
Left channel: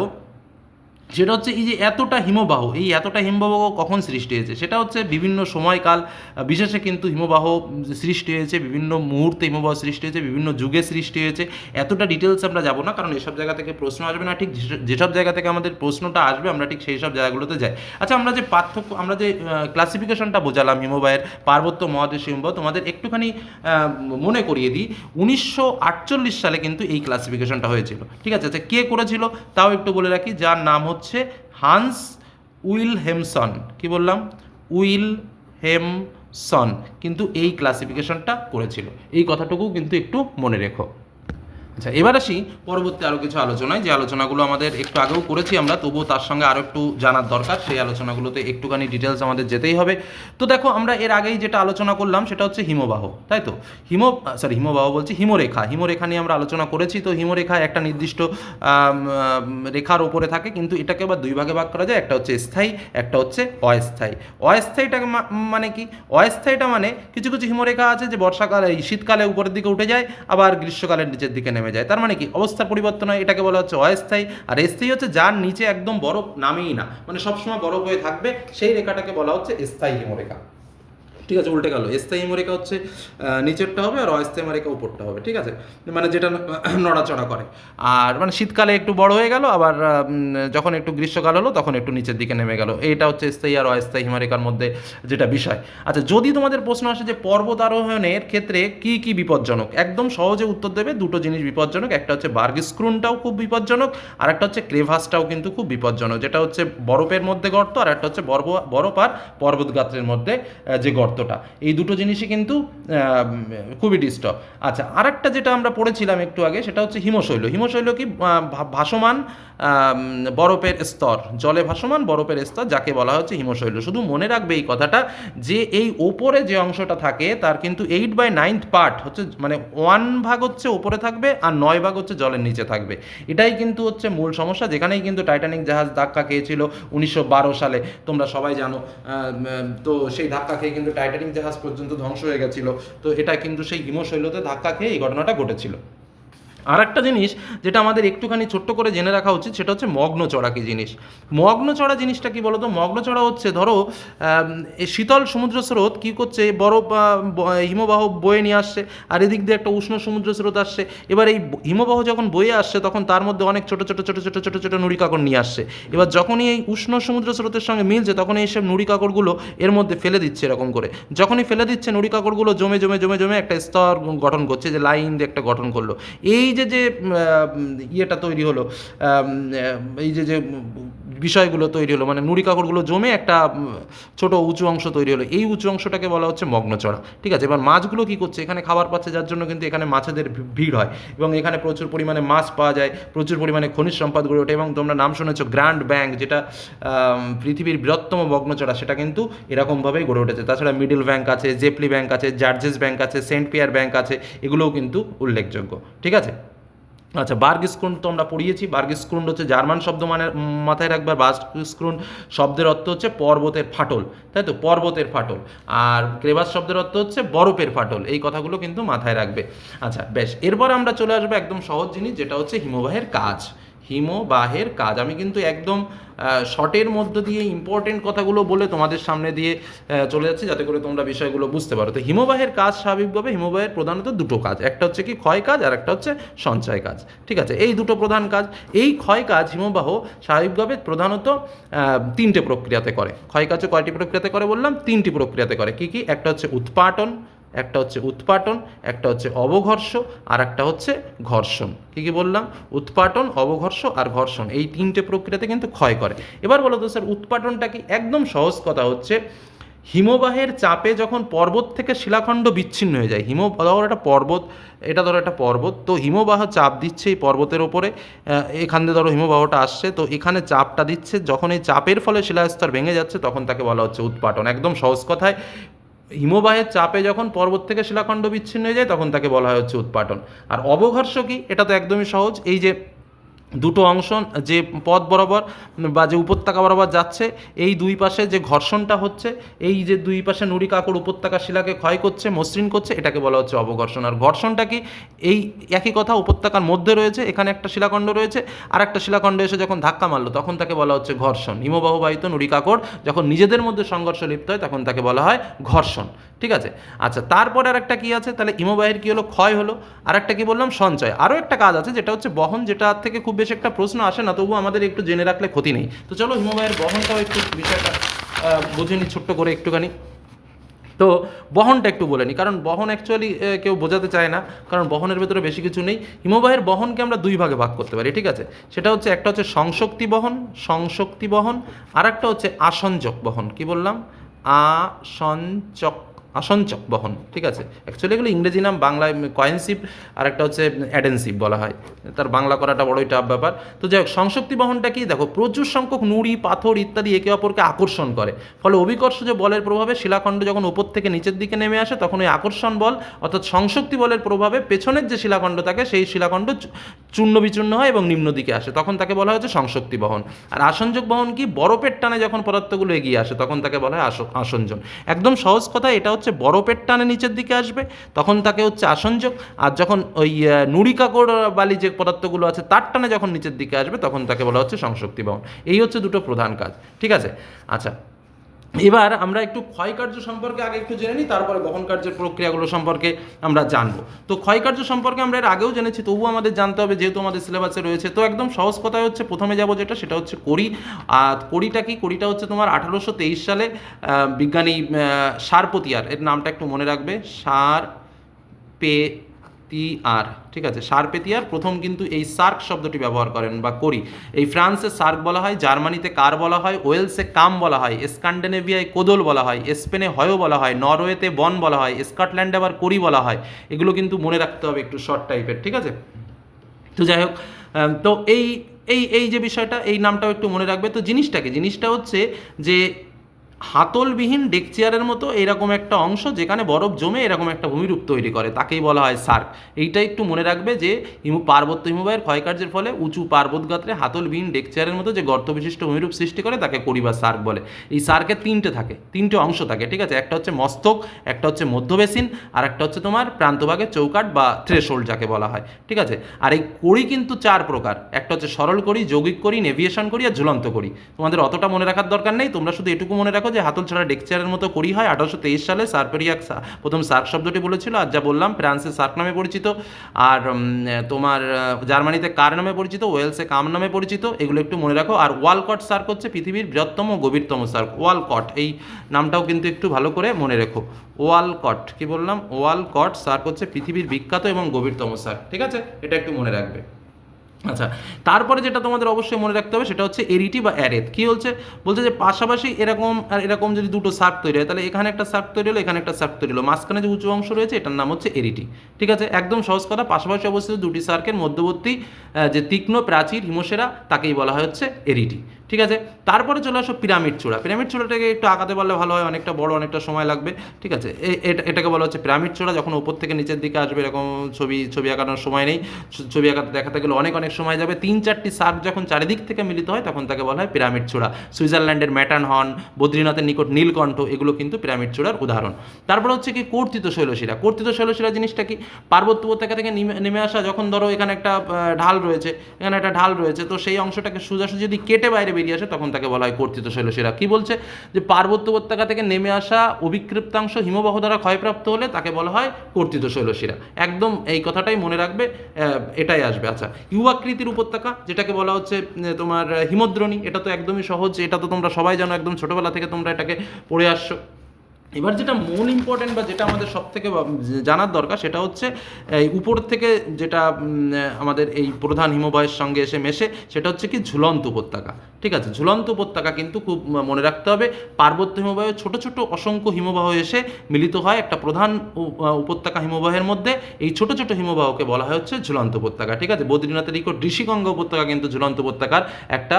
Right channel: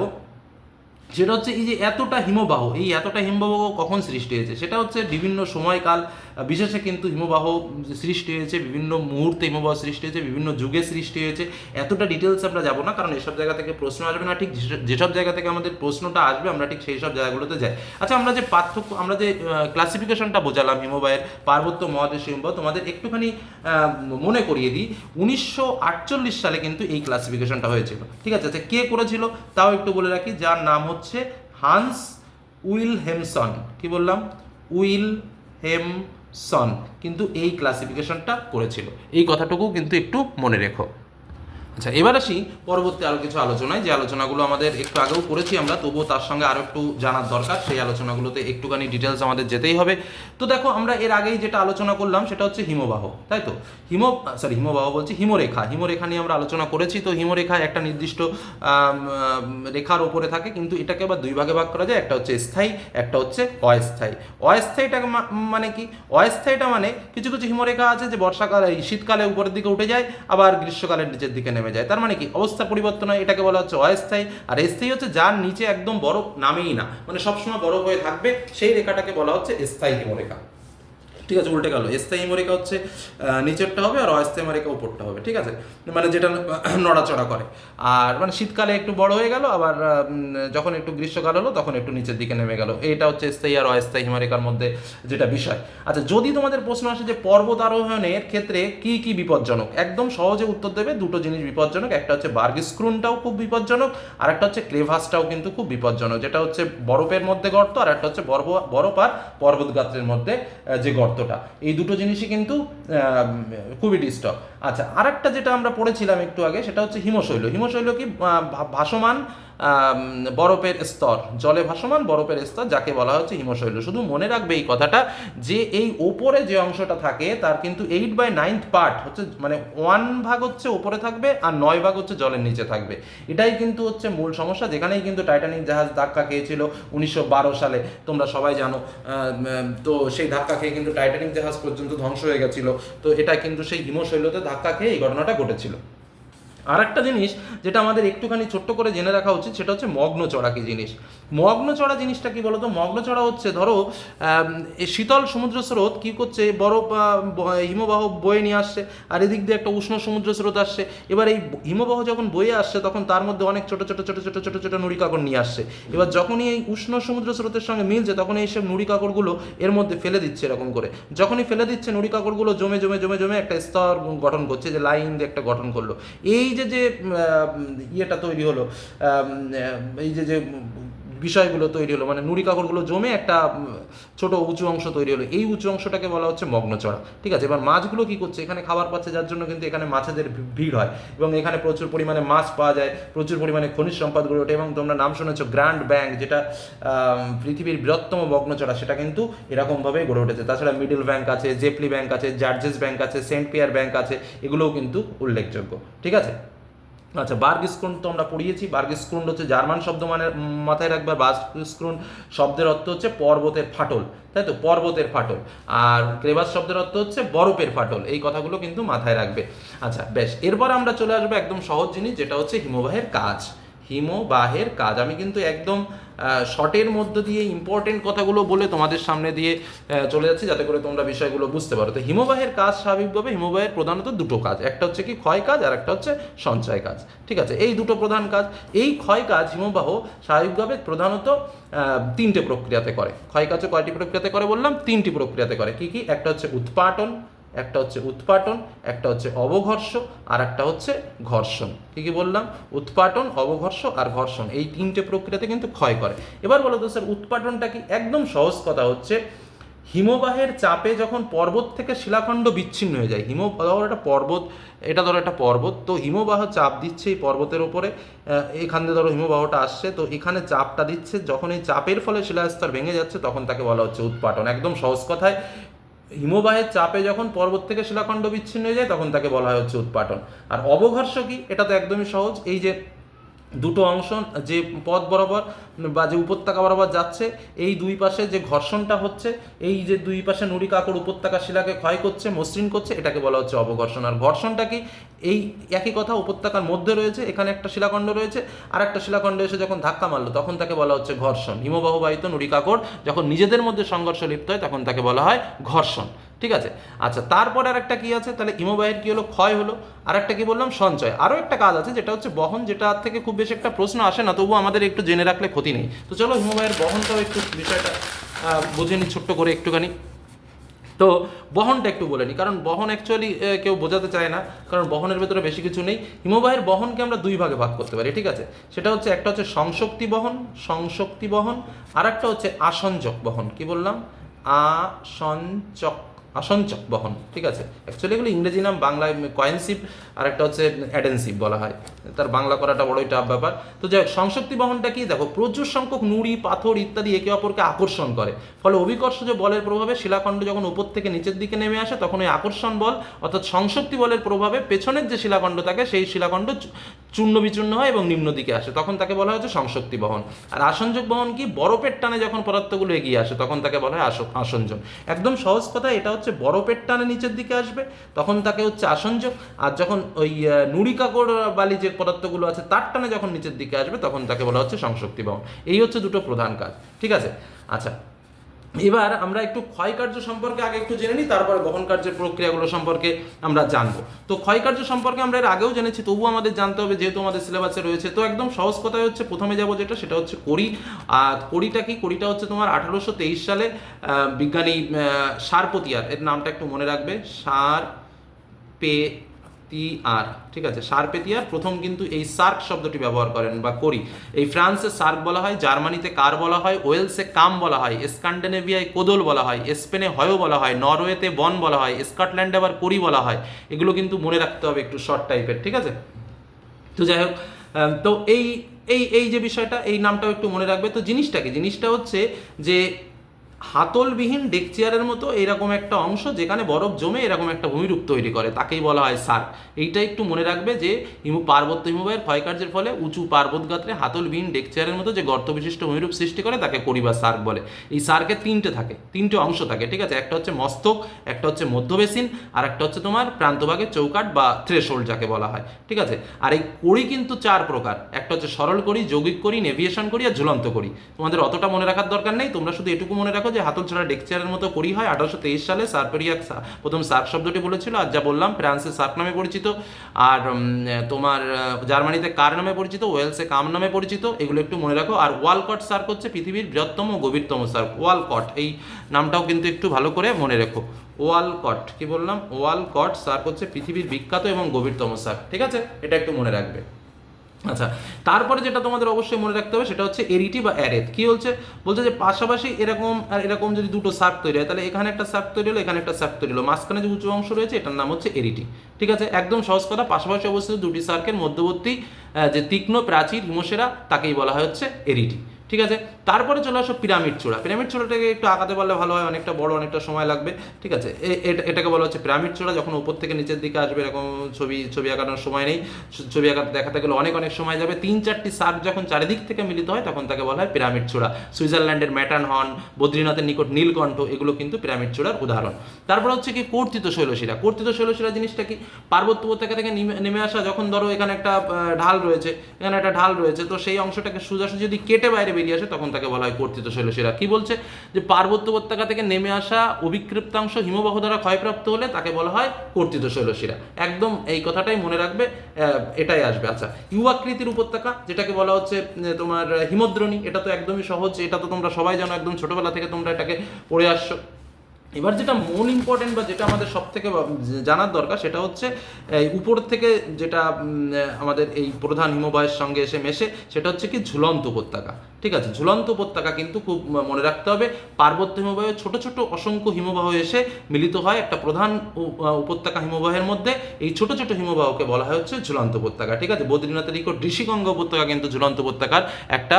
সেটা হচ্ছে এই যে এতটা হিমবাহ, এই এতটা হিমবাহ কখন সৃষ্টি হয়েছে? সেটা হচ্ছে বিভিন্ন সময়কাল বিশেষে কিন্তু হিমবাহ সৃষ্টি হয়েছে, বিভিন্ন মুহূর্তে হিমবাহ সৃষ্টি হয়েছে, বিভিন্ন যুগে সৃষ্টি হয়েছে। এতটা ডিটেলস আমরা যাব না, কারণ এসব জায়গা থেকে প্রশ্ন আসবে না। ঠিক যেসব- জায়গা থেকে আমাদের প্রশ্নটা আসবে, আমরা ঠিক সেই সব জায়গাগুলোতে যাই। আচ্ছা আমরা যে পার্থক্য, আমরা যে ক্লাসিফিকেশনটা বোঝালাম হিমবাহের, পার্বত্য মহাদেশ হিমবাহ, তোমাদের একটুখানি মনে করিয়ে দিই, উনিশশো আটচল্লিশ সালে কিন্তু এই ক্লাসিফিকেশনটা হয়েছিল। ঠিক আছে আচ্ছা কে করেছিল, তাও একটু বলে রাখি, যার নাম হচ্ছে হান্স উইল হেমসন কি বললাম? উইল হেমসন কিন্তু এই ক্লাসিফিকেশনটা করেছিল। এই কথাটুকু কিন্তু একটু মনে রেখো। আচ্ছা এবার আসি পরবর্তী আরও কিছু আলোচনায়। যে আলোচনাগুলো আমাদের একটু আগেও করেছি আমরা, তবুও তার সঙ্গে আরও একটু জানার দরকার। সেই আলোচনাগুলোতে একটুখানি ডিটেলস আমাদের যেতেই হবে। তো দেখো, আমরা এর আগেই যেটা আলোচনা করলাম, সেটা হচ্ছে হিমবাহ, তাই তো? হিম সরি হিমবাহ বলছি হিমরেখা। হিমরেখা নিয়ে আমরা আলোচনা করেছি, তো হিমরেখা একটা নির্দিষ্ট রেখার ওপরে থাকে, কিন্তু এটাকে আবার দুই ভাগে ভাগ করা যায়। একটা হচ্ছে স্থায়ী, একটা হচ্ছে অস্থায়ী। অস্থায়ীটাকে মানে কি? অস্থায়ীটা মানে কিছু কিছু হিমরেখা আছে যে বর্ষাকালে শীতকালে উপরের দিকে উঠে যায়, আবার গ্রীষ্মকালের নিচের দিকে নেমে যায়। তার মানে কি? অবস্থার পরিবর্তন হয়, এটাকে বলা হচ্ছে অস্থায়ী। আর স্থায়ী হচ্ছে যার নিচে একদম বরফ নামেই না। মানে সবসময় বরফ হয়ে থাকবে, সেই রেখাটাকে বলা হচ্ছে স্থায়ী হিমরেখা। ঠিক আছে, উল্টে গেল। স্থায়ী হিমরেখা হচ্ছে নিচেরটা হবে আর অস্থায়ী হিমরেখা উপরটা হবে, ঠিক আছে? মানে যেটা নড়াচড়া করে। আর মানে শীতকালে একটু বড় হয়ে গেল, আবার যখন একটু গ্রীষ্মকাল হলো, তখন একটু নিচের দিকে নেমে গেল। এইটা হচ্ছে স্থায়ী আর অস্থায়ী হিমরেখার মধ্যে যেটা বিষয়। আচ্ছা যদি তোমাদের প্রশ্ন আসে যে পর্বত আরোহণের ক্ষেত্রে কি কি বিপজ্জনক? একদম সহজে উত্তর দেবে দুটো জিনিস বিপজ্জনক। একটা হচ্ছে বার্গ স্ক্রুনটাও খুব বিপজ্জনক, আর একটা হচ্ছে ক্রেভাসটাও কিন্তু খুব বিপজ্জনক। যেটা হচ্ছে বরফের মধ্যে গর্ত, আর একটা হচ্ছে বরফ বরফ আর পর্বত গাত্রের মধ্যে যে যে গর্তটা এই দুটো জিনিসই কিন্তু খুবই ডিস্টার্ব। আচ্ছা আরেকটা যেটা আমরা পড়েছিলাম একটু আগে, সেটা হচ্ছে হিমশৈল। হিমশৈল কি ভাসমান বরফের স্তর, জলে ভাসমান বরফের স্তর যাকে বলা হচ্ছে হিমশৈল। শুধু মনে রাখবে এই কথাটা যে এই ওপরে যে অংশটা থাকে, তার কিন্তু এইট বাই নাইনথ পার্ট হচ্ছে মানে ওয়ান ভাগ হচ্ছে ওপরে থাকবে আর নয় ভাগ হচ্ছে জলের নিচে থাকবে। এটাই কিন্তু হচ্ছে মূল সমস্যা। যেখানেই কিন্তু টাইটানিক জাহাজ ধাক্কা খেয়েছিল উনিশশো বারো সালে, তোমরা সবাই জানো তো সেই ধাক্কা খেয়ে কিন্তু টাইটানিক জাহাজ পর্যন্ত ধ্বংস হয়ে গেছিল। তো এটা কিন্তু সেই হিমশৈলতে ধাক্কা খেয়ে এই ঘটনাটা ঘটেছিল। আর একটা জিনিস যেটা আমাদের একটুখানি ছোট্ট করে জেনে রাখা উচিত, সেটা হচ্ছে মগ্ন চড়া কি জিনিস? মগ্ন চড়া জিনিসটা কি বলতো? মগ্ন চড়া হচ্ছে, ধরো শীতল সমুদ্র স্রোত কী করছে? বরফ হিমবাহ বয়ে নিয়ে আসছে, আর এদিক দিয়ে একটা উষ্ণ সমুদ্র স্রোত আসছে। এবার এই হিমবাহ যখন বয়ে আসছে, তখন তার মধ্যে অনেক ছোট ছোট ছোট ছোট ছোট ছোট নুড়ি কাকড় নিয়ে আসছে। এবার যখনই এই উষ্ণ সমুদ্র স্রোতের সঙ্গে মিলছে তখন এই সব নুড়ি কাকড়গুলো এর মধ্যে ফেলে দিচ্ছে এরকম করে। যখনই ফেলে দিচ্ছে নুড়ি কাকড়গুলো জমে জমে জমে জমে একটা স্তর গঠন করছে, যে লাইন দিয়ে একটা গঠন করল। এই যে যে ইয়েটা তৈরি হলো এই যে যে বিষয়গুলো তৈরি হলো মানে নুড়ি কাকড়গুলো জমে একটা ছোট উঁচু অংশ তৈরি হলো। এই উঁচু অংশটাকে বলা হচ্ছে মগ্নচড়া। ঠিক আছে? এবার মাছগুলো কি করছে? এখানে খাবার পাচ্ছে, যার জন্য কিন্তু এখানে মাছেদের ভিড় হয়। এবং এখানে প্রচুর পরিমাণে মাছ পাওয়া যায়, প্রচুর পরিমাণে খনিজ সম্পদ গড়ে ওঠে এবং তোমরা নাম শুনেছো গ্র্যান্ড ব্যাংক যেটা পৃথিবীর বৃহত্তম মগ্নচড়া। সেটা কিন্তু এরকমভাবেই গড়ে উঠেছে। তাছাড়া মিডল ব্যাংক আছে, জেপলি ব্যাংক আছে, জার্জেস ব্যাংক আছে, সেন্ট পিয়ার ব্যাংক আছে, এগুলোও কিন্তু উল্লেখযোগ্য। ঠিক আছে? আচ্ছা বার্গ স্ক্রুন তো আমরা পড়িয়েছি। বার্গ স্ক্রুন হচ্ছে জার্মান শব্দ মানে মাথায় রাখবার বার্গ স্ক্রুন শব্দের অর্থ হচ্ছে পর্বতের ফাটল, তাই তো? পর্বতের ফাটল। আর ক্রেবাস শব্দের অর্থ হচ্ছে বরফের ফাটল। এই কথাগুলো কিন্তু মাথায় রাখবে। আচ্ছা বেশ। এরপর আমরা চলে আসব একদম সহজ জিনিস, যেটা হচ্ছে হিমবাহের কাজ। হিমবাহের কাজ। আমি কিন্তু একদম শর্টের মধ্য দিয়ে ইম্পর্টেন্ট কথাগুলো বলে তোমাদের সামনে দিয়ে চলে যাচ্ছে, যাতে করে তোমরা বিষয়গুলো বুঝতে পারো। তো হিমবাহের কাজ স্বাভাবিকভাবে হিমবাহের প্রধানত দুটো কাজ, একটা হচ্ছে কি ক্ষয় কাজ আর একটা হচ্ছে সঞ্চয় কাজ। ঠিক আছে? এই দুটো প্রধান কাজ, এই ক্ষয় কাজ হিমবাহ স্বাভাবিকভাবে প্রধানত তিনটে প্রক্রিয়াতে করে। ক্ষয় কাজও কয়টি প্রক্রিয়াতে করে বললাম? তিনটি প্রক্রিয়াতে করে। কি কি? একটা হচ্ছে উৎপাটন একটা হচ্ছে উৎপাটন, একটা হচ্ছে অবঘর্ষ, আর একটা হচ্ছে ঘর্ষণ। কি কি বললাম? উৎপাটন, অবঘর্ষ আর ঘর্ষণ, এই তিনটে প্রক্রিয়াতে কিন্তু ক্ষয় করে। এবার বলো তো স্যার, উৎপাটনটা কি একদম সহজ কথা হচ্ছে, হিমবাহের চাপে যখন পর্বত থেকে শিলাখণ্ড বিচ্ছিন্ন হয়ে যায় হিম ধরো একটা পর্বত, এটা ধরো একটা পর্বত, তো হিমবাহ চাপ দিচ্ছে এই পর্বতের ওপরে এখান দিয়ে ধরো হিমবাহটা আসছে, তো এখানে চাপটা দিচ্ছে, যখন এই চাপের ফলে শিলাস্তর ভেঙে যাচ্ছে, তখন তাকে বলা হচ্ছে উৎপাটন। একদম সহজ কথায় হিমবাহের চাপে যখন পর্বত থেকে শিলাখণ্ড বিচ্ছিন্ন হয়ে যায়, তখন তাকে বলা হয় হচ্ছে উৎপাটন। আর অবঘর্ষ কি? এটা তো একদমই সহজ। এই যে দুটো অংশ, যে পথ বরাবর বা যে উপত্যকা বরাবর যাচ্ছে, এই দুই পাশে যে ঘর্ষণটা হচ্ছে, এই যে দুই পাশে নুড়ি কাকড় উপত্যকা শিলাকে ক্ষয় করছে, মসৃণ করছে, এটাকে বলা হচ্ছে অবঘর্ষণ। আর ঘর্ষণটা কি? এই একই কথা উপত্যকার মধ্যে রয়েছে, এখানে একটা শিলাখণ্ড রয়েছে আর একটা শিলাখণ্ড এসে যখন ধাক্কা মারলো, তখন তাকে বলা হচ্ছে ঘর্ষণ। হিমবাহবাহিত নুড়ি কাকড়, যখন নিজেদের মধ্যে সংঘর্ষ লিপ্ত হয়, তখন তাকে বলা হয় ঘর্ষণ। ঠিক আছে? আচ্ছা তারপর আর একটা কি আছে? তাহলে হিমবাহের কি হলো? ক্ষয় হলো। আর একটা কি বললাম? সঞ্চয়। আরও একটা কাজ আছে, যেটা হচ্ছে বহন, যেটা থেকে খুব বেশি একটা প্রশ্ন আসে না, তবুও আমাদের একটু জেনে রাখলে ক্ষতি নেই। তো চলো হিমবাহের বহনটাও একটু বিষয়টা বুঝে নিই ছোট্ট করে একটুখানি। তো বহনটা একটু বলে নিই কারণ বহন অ্যাকচুয়ালি কেউ বোঝাতে চায় না, কারণ বহনের ভেতরে বেশি কিছু নেই। হিমবাহের বহনকে আমরা দুই ভাগে ভাগ করতে পারি, ঠিক আছে? সেটা হচ্ছে একটা হচ্ছে সংশক্তি বহন সংশক্তি বহন আর একটা হচ্ছে আসঞ্জক বহন। কি বললাম? আসঞ্চক আসঞ্চক বহন, ঠিক আছে? অ্যাকচুয়ালি এগুলো ইংরেজি নাম, বাংলায় কয়েন্সিভ আর একটা হচ্ছে অ্যাডেন্সিভ বলা হয়। তার বাংলা করাটা বড়ই টাফ ব্যাপার। তো যাই হোক, সংশক্তি বহনটা কি? দেখো, প্রচুর সংখ্যক নুড়ি, পাথর ইত্যাদি একে অপরকে আকর্ষণ করে। ফলে অভিকর্ষজ বলের প্রভাবে শিলাখণ্ড যখন উপর থেকে নিচের দিকে নেমে আসে, তখন ওই আকর্ষণ বল, অর্থাৎ সংশক্তি বলের প্রভাবে পেছনের যে শিলাখণ্ড থাকে, সেই শিলাখণ্ড চূর্ণ বিচূর্ণ হয় এবং নিম্ন দিকে আসে তখন তাকে বলা হচ্ছে সংশক্তি বহন। আর আসঞ্জক বহন কি? বরফের টানে যখন পদার্থগুলো এগিয়ে আসে তখন তাকে বলা হয় আস- আসঞ্জন একদম সহজ কথা এটা হচ্ছে বরফের টানে নিচের দিকে আসবে তখন তাকে হচ্ছে আসঞ্জক আর যখন ওই আহ, নুড়ি কাকড় বালি যে পদার্থগুলো আছে তার টানে যখন নিচের দিকে আসবে তখন তাকে বলা হচ্ছে সংশক্তি বহন। এই হচ্ছে দুটো প্রধান কাজ ঠিক আছে? আচ্ছা এবার আমরা একটু ক্ষয়কার্য সম্পর্কে আগে একটু জেনে নিই, তারপরে বহন কার্যের প্রক্রিয়াগুলো সম্পর্কে আমরা জানব। তো ক্ষয়কার্য সম্পর্কে আমরা এর আগেও জেনেছি, তবুও আমাদের জানতে হবে, যেহেতু আমাদের সিলেবাসে রয়েছে, তো একদম সহজ কথাই হচ্ছে প্রথমে যাব যেটা, সেটা হচ্ছে কড়ি আর কড়িটা কি? কড়িটা হচ্ছে তোমার আঠারোশো তেইশ সালে বিজ্ঞানী সারপতিয়ার, এর নামটা একটু মনে রাখবে, সার পে তি আর ঠিক আছে? সার্পেতিয়ার প্রথম কিন্তু এই সার্ক শব্দটি ব্যবহার করেন বা করি। এই ফ্রান্সে সার্ক বলা হয়, জার্মানিতে কার বলা হয়, ওয়েলসে কাম বলা হয় স্ক্যান্ডিনেভিয়ায় কোদল বলা হয়, স্পেনে হয়ও বলা হয়, নরওয়েতে বন বলা হয়, স্কটল্যান্ডে আবার করি বলা হয়। এগুলো কিন্তু মনে রাখতে হবে একটু শর্ট টাইপের, ঠিক আছে? তো যাই হোক তো এই এই এই যে বিষয়টা, এই নামটাও একটু মনে রাখবে। তো জিনিসটাকে, জিনিসটা হচ্ছে যে হাতলবিহীন ডেক চেয়ারের মতো এরকম একটা অংশ যেখানে বরফ জমে এরকম একটা ভূমিরূপ তৈরি করে, তাকেই বলা হয় সার্ক। এইটা একটু মনে রাখবে যে, হিমু, পার্বত্য হিমবাহের ক্ষয়কার্যের ফলে উঁচু পার্বত গাত্রে হাতলবিহীন ডেক চেয়ারের মতো যে গর্ত বিশিষ্ট ভূমিরূপ সৃষ্টি করে, তাকে করি বা সার্ক বলে। এই সার্কের তিনটে থাকে, তিনটে অংশ থাকে, ঠিক আছে? একটা হচ্ছে মস্তক, একটা হচ্ছে মধ্যবেসিন আর একটা হচ্ছে তোমার প্রান্তভাগের চৌকাট বা থ্রেশোল্ড যাকে বলা হয়, ঠিক আছে? আর এই কড়ি কিন্তু চার প্রকার, একটা হচ্ছে সরল করি যৌগিক করি নেভিয়েশন করি আর ঝুলন্ত করি তোমাদের অতটা মনে রাখার দরকার নেই, তোমরা শুধু এটুকু মনে রাখো যে হাতল ছাড়া ডেকচারের মতো করি হয়, আঠারোশো তেইশ সালে সার্পেরিয়াক প্রথম সার্ক শব্দটি বলেছিল আর যা বললাম ফ্রান্সে সার্ক নামে পরিচিত, আর তোমার জার্মানিতে কার নামে পরিচিত, ওয়েলসে কাম নামে পরিচিত, এগুলো একটু মনে রাখো। আর ওয়ালকট সার্ক হচ্ছে পৃথিবীর বৃহত্তম গভীরতম সার্ক, ওয়ালকট। এই নামটাও কিন্তু একটু ভালো করে মনে রেখো। ওয়ালকট, কি বললাম? ওয়ালকট সার্ক হচ্ছে পৃথিবীর বিখ্যাত এবং গভীরতম সার্ক, ঠিক আছে? এটা একটু মনে রাখবে। আচ্ছা তারপরে যেটা তোমাদের অবশ্যই মনে রাখতে হবে সেটা হচ্ছে এরিটি বা অ্যারেথ। কী হচ্ছে বলছে যে পাশাপাশি এরকম, আর এরকম যদি দুটো সার্ক তৈরি হয়, তাহলে এখানে একটা সার্ক তৈরি হলো, এখানে একটা সার্ক তৈরি হলো। মাঝখানে যে উঁচু অংশ রয়েছে, এটার নাম হচ্ছে এরিটি। ঠিক আছে? একদম সহজ কথা, পাশাপাশি অবস্থিত দুটি সার্কের মধ্যবর্তী যে তীক্ষ্ণ, প্রাচীর, হিমসেরা, তাকেই বলা হয় হচ্ছে এরিটি। ঠিক আছে? তারপরে চলে আসো পিরামিড চূড়া। পিরামিড চূড়াটাকে একটু আঁকাতে পারলে ভালো হয়, অনেকটা বড়, অনেকটা সময় লাগবে। ঠিক আছে? এটাকে বলা হচ্ছে পিরামিড চূড়া। যখন উপর থেকে নিচের দিকে আসবে, এরকম ছবি ছবি আঁকানোর সময় নেই। ছবি আঁকা, দেখাতে গেলে অনেক অনেক সময় যাবে। তিন, চারটি সার্ক যখন চারিদিক থেকে মিলিত হয়, তখন তাকে বলা হয় পিরামিড চূড়া। সুইজারল্যান্ডের ম্যাটার্ন হর্ন বদ্রীনাথের নিকট নীলকণ্ঠ, এগুলো কিন্তু পিরামিড চূড়ার উদাহরণ। তারপর হচ্ছে কি কর্তিত শৈলশিরা কর্তিত শৈলশিরা জিনিসটা কি? পার্বত্য উপত্যকা থেকে নেমে- নেমে আসা, যখন ধরো এখানে একটা ঢাল রয়েছে, এখানে একটা ঢাল রয়েছে, তো সেই অংশটাকে সোজাসুজি যদি কেটে বাইরে বেরিয়ে আসে, তখন তাকে বলা হয় কর্তৃত্ব শৈলশিরা। কী বলছে? যে পার্বত্য উপত্যকা থেকে নেমে আসা অবিক্ষিপ্তাংশ হিমবাহ দ্বারা ক্ষয়প্রাপ্ত হলে তাকে বলা হয় কর্তৃত্ব শৈলশিরা। একদম এই কথাটাই মনে রাখবে এটাই আসবে। আচ্ছা ইউয়াকৃতির উপত্যকা, যেটাকে বলা হচ্ছে তোমার হিমদ্রণী, এটা তো একদমই সহজ, এটা তো তোমরা সবাই জানো, একদম ছোটোবেলা থেকে তোমরা এটাকে পড়ে আসছো। এবার যেটা মন ইম্পর্টেন্ট বা যেটা আমাদের সব থেকে জানার দরকার সেটা হচ্ছে, এই উপর থেকে যেটা আমাদের এই প্রধান হিমবাহের সঙ্গে এসে মেশে, সেটা হচ্ছে কি ঝুলন্ত উপত্যকা। ঠিক আছে? ঝুলন্ত উপত্যকা কিন্তু খুব মনে রাখতে হবে। পার্বত্য হিমবাহে ছোট ছোট অসংখ্য হিমবাহ এসে মিলিত হয় একটা প্রধান উপত্যকা হিমবাহের মধ্যে। এই ছোট ছোট হিমবাহকে বলা হয় হচ্ছে ঝুলন্ত উপত্যকা। ঠিক আছে? বদ্রীনাথের নিকট ঋষিগঙ্গা উপত্যকা কিন্তু ঝুলন্ত উপত্যকার একটা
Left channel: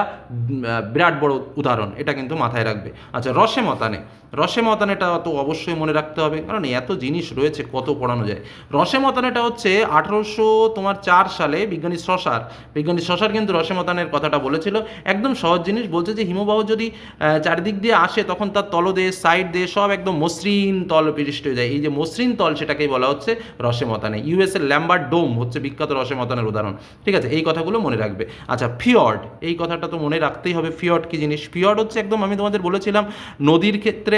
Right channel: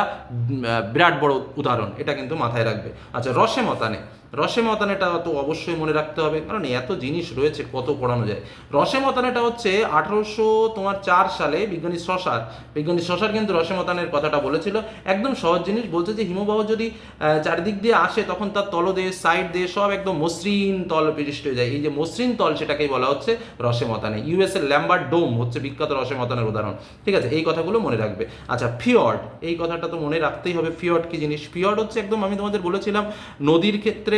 বিরাট বড় উদাহরণ। এটা কিন্তু মাথায় রাখবে। আচ্ছা রসে মতানে রসে মতানেটা তো অবশ্যই মনে রাখতে হবে। কারণ এত জিনিস রয়েছে, কত পড়ানো যায়। রসে মতানেটা হচ্ছে আঠারোশো তোমার চার সালে বিজ্ঞানী শশার বিজ্ঞানী শশার কিন্তু রসে মতানের কথাটা বলেছিল। একদম সহজ জিনিস বলছে যে, হিমবাহ যদি চারিদিক দিয়ে আসে, তখন তার তলদেশ সাইড দিয়ে সব একদম মসৃণ তল বিশিষ্ট হয়ে যায়। এই যে মসৃণ তল সেটাকেই বলা হচ্ছে রসে মতানে ইউএস এর ল্যাম্বার্ট ডোম হচ্ছে বিখ্যাত রসে মতানের উদাহরণ। ঠিক আছে, এই কথাগুলো মনে রাখবে। আচ্ছা ফিয়র্ড, এই কথাটা তো মনে রাখতেই হবে। ফিয়র্ড কি জিনিস? ফিয়র্ড হচ্ছে একদম আমি তোমাদের বলেছিলাম, নদীর ক্ষেত্রে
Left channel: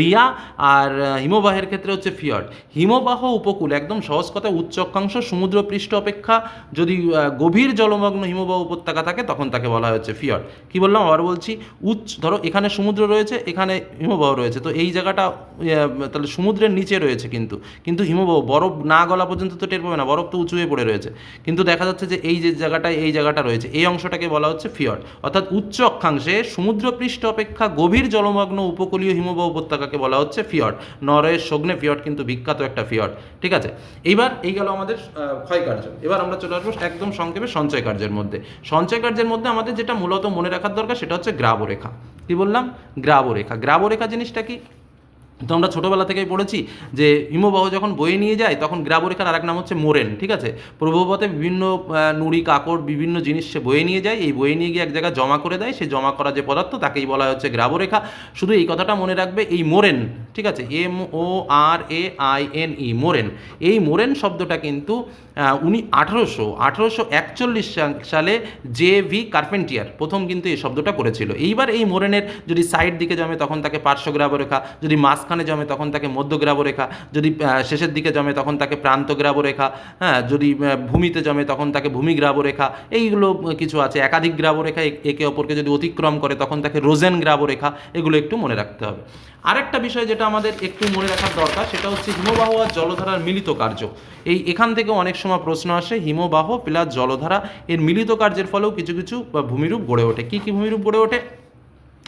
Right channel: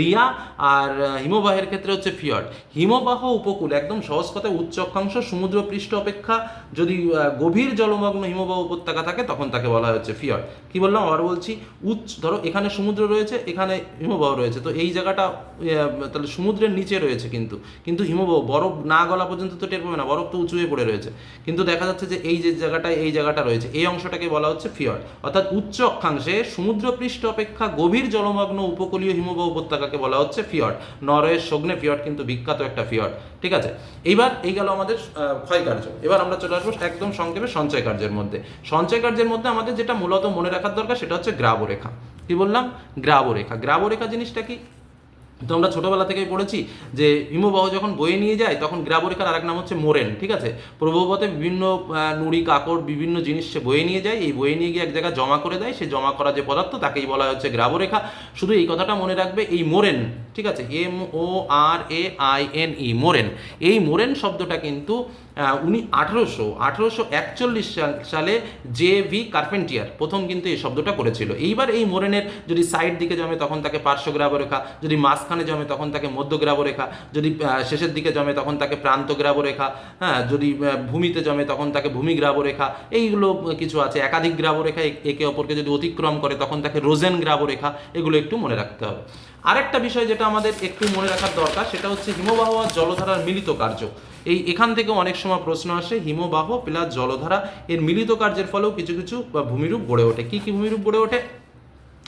রিয়া আর হিমবাহের ক্ষেত্রে হচ্ছে ফিয়র্ড হিমবাহ উপকূল, একদম সহজ কথায় উচ্চ অক্ষাংশ সমুদ্র পৃষ্ঠ অপেক্ষা যদি গভীর জলমগ্ন হিমবাহ উপত্যকা থাকে, তখন তাকে বলা হচ্ছে ফিয়র্ড কি বললাম? আবার বলছি, উচ্চ, ধরো এখানে সমুদ্র রয়েছে, এখানে হিমবাহ রয়েছে। তো এই জায়গাটা তাহলে সমুদ্রের নিচে রয়েছে কিন্তু। কিন্তু হিমবাহ বরফ না গলা পর্যন্ত তো টের পাবে না, বরফ তো উঁচু হয়ে পড়ে রয়েছে। কিন্তু দেখা যাচ্ছে যে এই যে জায়গাটায়, এই জায়গাটা রয়েছে, এই অংশটাকে বলা হচ্ছে ফিয়র্ড অর্থাৎ উচ্চ অক্ষাংশে সমুদ্র পৃষ্ঠ অপেক্ষা গভীর জলমগ্ন উপকূলীয় হিমবাহ উপত্যকাকে বলা হচ্ছে ফিয়ট। নরওয়ের সগ্নে ফিয়ট কিন্তু বিখ্যাত একটা ফিয়ট। ঠিক আছে? এইবার এই গেল আমাদের ক্ষয়কার্য ক্ষয় কার্য। এবার আমরা চলে আসব একদম সংক্ষেপে সঞ্চয় কার্যের মধ্যে। সঞ্চয় কার্যের মধ্যে আমাদের যেটা মূলত মনে রাখার দরকার সেটা হচ্ছে গ্রাবরেখা। কি বললাম? গ্রাবরেখা। গ্রাবরেখা জিনিসটা কি? তো আমরা ছোটোবেলা থেকেই পড়েছি যে হিমবাহ যখন বয়ে নিয়ে যায়, তখন গ্রাবরেখার আরেক নাম হচ্ছে মোরেন, ঠিক আছে? প্রভাবতে বিভিন্ন নুড়ি, কাকড়, বিভিন্ন জিনিস সে বয়ে নিয়ে যায়, এই বয়ে নিয়ে গিয়ে এক জায়গায় জমা করে দেয়, সে জমা করা যে পদার্থ তাকেই বলা হচ্ছে গ্রাবরেখা। শুধু এই কথাটা মনে রাখবে, এই মোরেন, ঠিক আছে? M O R A I N E, moraine. এই মোরেন শব্দটা কিন্তু উনি আঠারোশো আঠারোশো একচল্লিশ সালে জে ভি কার্পেন্টিয়ার প্রথম কিন্তু এই শব্দটা করেছিল। এইবার এই মোরেনের যদি সাইড দিকে জমে তখন তাকে পার্শ্ব গ্রাবরেখা যদি মাঝখানে জমে তখন তাকে মধ্য গ্রাবরেখা যদি শেষের দিকে জমে তখন তাকে প্রান্ত গ্রাবরেখা হ্যাঁ যদি ভূমিতে জমে তখন তাকে ভূমি গ্রাবরেখা এইগুলো কিছু আছে। একাধিক গ্রাবরেখা একে অপরকে যদি অতিক্রম করে তখন তাকে রোজেন গ্রাবরেখা এগুলো একটু মনে রাখতে হবে। আরেকটা বিষয় যেটা আমাদের একটু মনে রাখার দরকার, সেটা হচ্ছে হিমবাহ আর জলধারার মিলিত কার্য। এই এখান থেকে অনেক সময় প্রশ্ন আসে, হিমবাহ প্লাস জলধারা এর মিলিত কার্যের ফলেও কিছু কিছু ভূমিরূপ গড়ে ওঠে। কী কী ভূমিরূপ গড়ে ওঠে?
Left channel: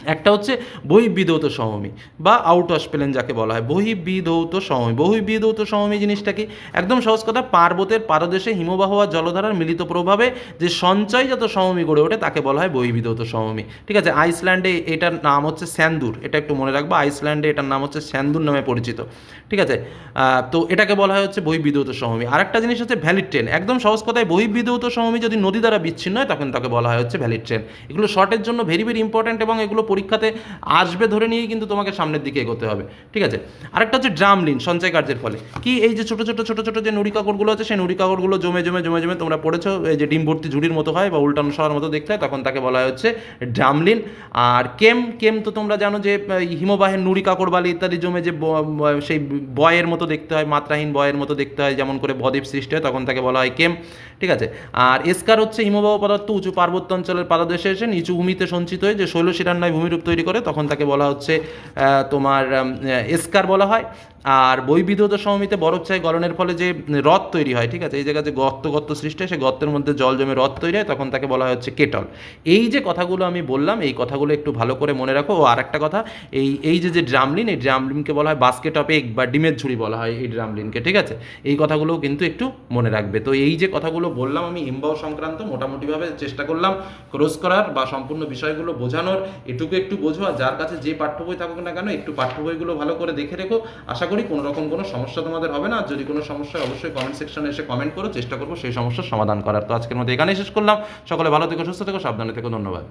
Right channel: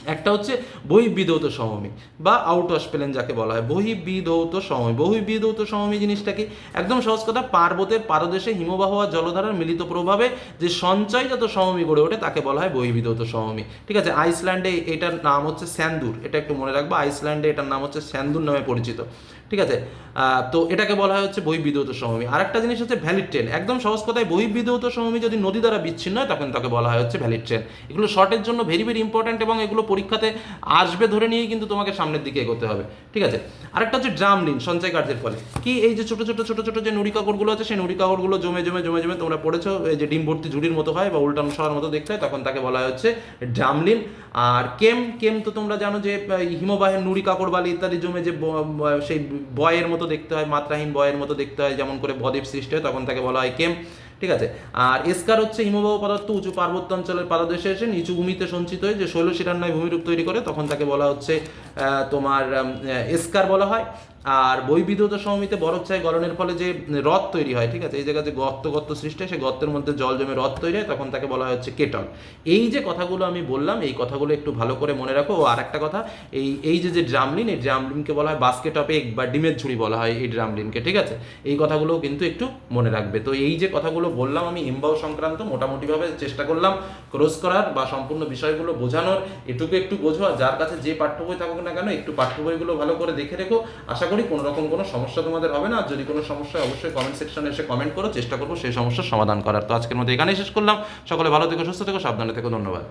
একটা হচ্ছে বহিবিধৌত সমমী বা আউট অফ প্লেন যাকে বলা হয় বহিবিধৌত সমমি বহিবিধৌত সমমী জিনিসটাকে একদম সহজ কথা পার্বতের পারদেশে হিমবাহ আর জলধারার মিলিত প্রভাবে যে সঞ্চয় সঞ্চয়জাত সমমি গড়ে ওঠে তাকে বলা হয় বহিবিধৌত সমমি ঠিক আছে, আইসল্যান্ডে এটার নাম হচ্ছে স্যান্দুর, এটা একটু মনে রাখব, আইসল্যান্ডে এটার নাম হচ্ছে স্যান্দুর নামে পরিচিত। ঠিক আছে? তো এটাকে বলা হয় হচ্ছে বহিবিধৌত সমভূমি। আরেকটা জিনিস হচ্ছে ভ্যালিড ট্রেন একদম সহজ কথায় বহিবিধৌত সমভূমি যদি নদী দ্বারা বিচ্ছিন্ন হয়, তখন তাকে বলা হয় হচ্ছে ভ্যালিড ট্রেন এগুলো শর্টের জন্য ভেরি ভেরি ইম্পর্ট্যান্ট এবং এগুলো পরীক্ষাতে আসবে ধরে নিয়েই কিন্তু তোমাকে সামনের দিকে এগোতে হবে। ঠিক আছে? আরেকটা হচ্ছে ড্রামলিন সঞ্চয় কার্যের ফলে। কি এই যে ছোটো ছোটো ছোটো ছোটো যে নুড়ি কাকড়গুলো আছে, সেই নুড়ি কাকড়গুলো জমে জমে জমে জমে তোমরা পড়েছো, এই যে ডিম ভর্তি ঝুড়ির মতো হয় বা উল্টানো শহর মতো দেখতে হয়, তখন তাকে বলা হচ্ছে ড্রামলিন আর কেম কেম তো তোমরা জানো যে হিমবাহের নুড়ি কাকড় বালি ইত্যাদি জমে যে সেই বয়ের মতো দেখতে হয়, মাত্রাহীন বয়ের মতো দেখতে হয়, যেমন করে বদ্বীপ সৃষ্টি হয়, তখন তাকে বলা হয় কেম, ঠিক আছে? আর এসকার হচ্ছে হিমবাহ পদার্থ, উঁচু পার্বত্য অঞ্চলের পাদদেশে এসে নিচু ভূমিতে সঞ্চিত হয়ে যে শৈলশিরান্নায় নয় ভূমিরূপ তৈরি করে, তখন তাকে বলা হচ্ছে তোমার এসকার বলা হয়। আর বৈবিধত বরফ চাই গলনের ফলে যে হ্রদ তৈরি হয়, ঠিক আছে, এই জায়গায় যে গর্ত গর্ত সৃষ্টি হয়, সেই গর্তের মধ্যে জল জমে হ্রদ তৈরি হয়, তখন তাকে বলা হচ্ছে কেটল। এই যে কথাগুলো আমি বললাম, এই কথাগুলো একটু ভালো করে মনে রাখো। ও আর একটা কথা, এই এই যে যে ড্রামলিন, এই ড্রামলিনকে বলা হয় বাস্কেট অফ এগ বা ডিমের ঝুড়ি বলা হয় এই ড্রামলিনকে, ঠিক আছে? এই কথাগুলো কিন্তু একটু মনে রাখবে। তো এই যে কথাগুলো বললাম আমি হিমবাহ সংক্রান্ত মোটামুটিভাবে চেষ্টা করলাম ক্রস করার বা সম্পূর্ণ বিষয়গুলো বোঝানোর। এটুকু একটু বোঝো যার কাছে যে পাঠ্য বই থাকুক না কেন, একটু পাঠ্য বইগুলো ভালো করে দেখে রেখো। আশা করি কোনো রকম কোনো সমস্যা তোমাদের হবে না। যদি কোনো সমস্যা অবশ্যই কমেন্ট সেকশনে এসে কমেন্ট করো, চেষ্টা করব সেই সমস্যার সমাধান করার। তো আজকের মধ্যে এখানেই শেষ করলাম। সকলে ভালো থেকো, সুস্থ থেকো, সাবধানে থেকো, ধন্যবাদ।